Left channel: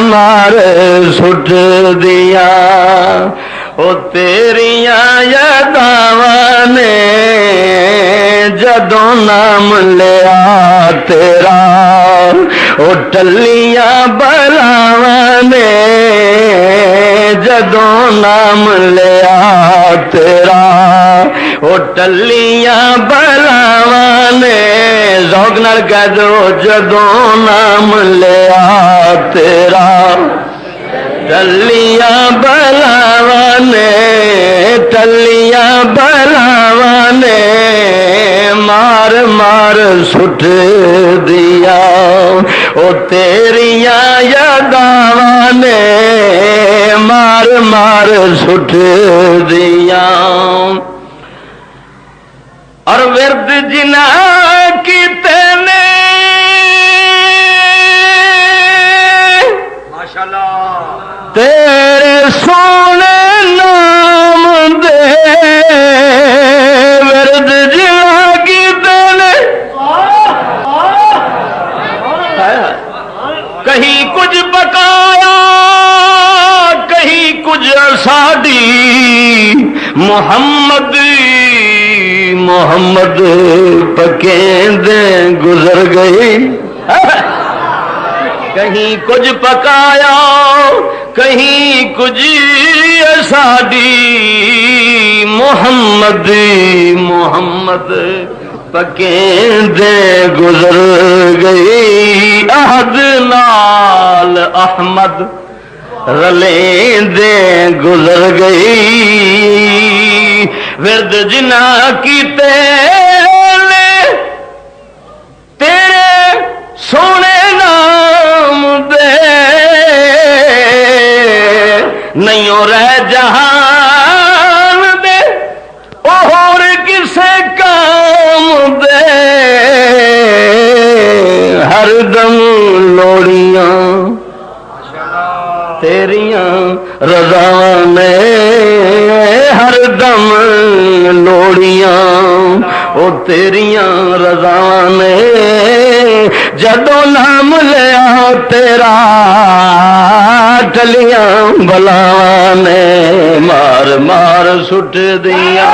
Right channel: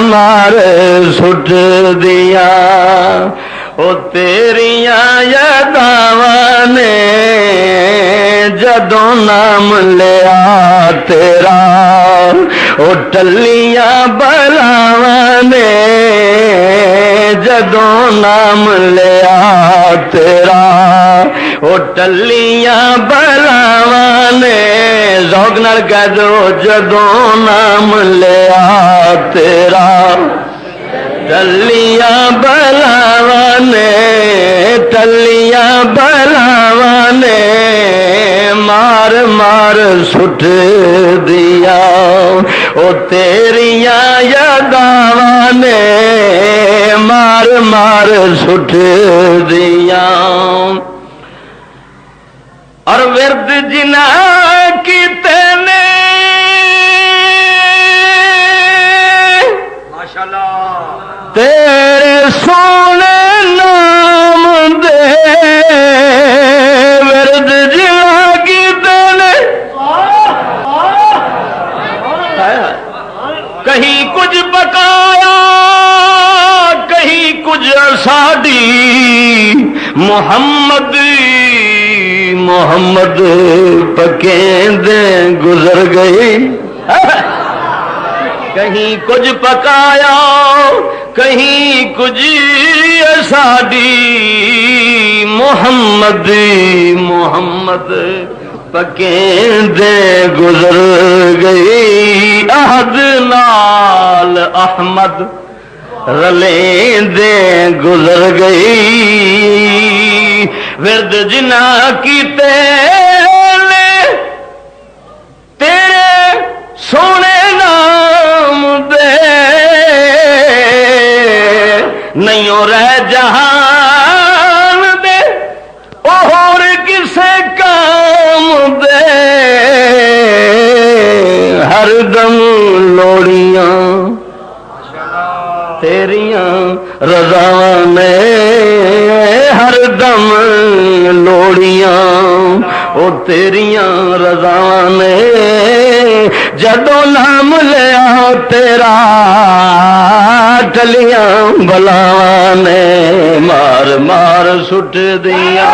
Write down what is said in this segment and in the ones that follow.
मार सुट दिया ओ तेरिया यादां ने जदों नाम लिया तेरा ओ टलिया बलावां ने जदों नाम लिया तेरा ओ टलिया बलावां ने ज़ौक़ नाल कह दो जदों नाम लिया तेरा टलिया बलावां ने टलिया बलावां ने मार मार सुट दिया ओ तेरिया यादां ने मार मार सुट दिया। और विरद जिना कीते ने माशाअल्लाह तेरे सोने नाम दे विरद जिना कीते ने कहीं कुछ पकाया कहीं कुछ सादी मोहम्मद मोहम्मद पकेंदे गुजर गई कहीं कुछ पकाया कहीं कुछ सादी मोहम्मद मोहम्मद पकेंदे गुजर गई अहद नाल अहमद रलेंदे गुजर गई। विरद जिना कीते तेरे सोने नाम दे नहीं रह जहान दे और किसे काम दे हरदम लोड़ियां तेरियां रज़ावां ने हरदम लोड़ियां ओ तेरियां रज़ावां ने जदों नाम लिया तेरा टलियां बलावां ने मार मार सुट दिया।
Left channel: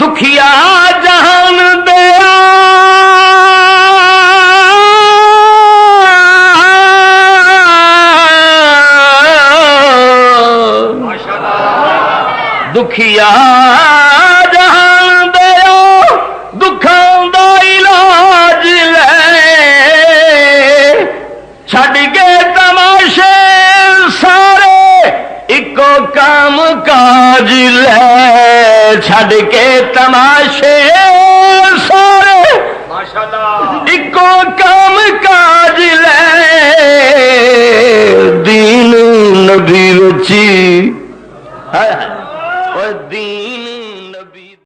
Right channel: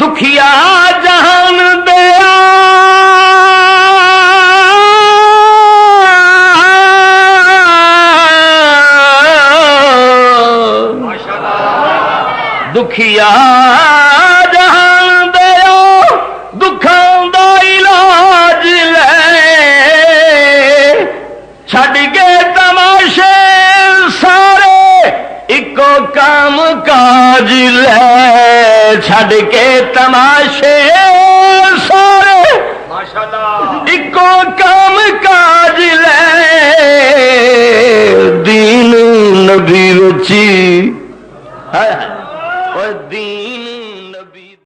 दुखिया जहान दया दुखिया जहान दया दुखां दा इलाज ले छड़ के तमाशे सारे इको काम काज ले छड़ के तमाशे सारे माशाअल्लाह इको काम काज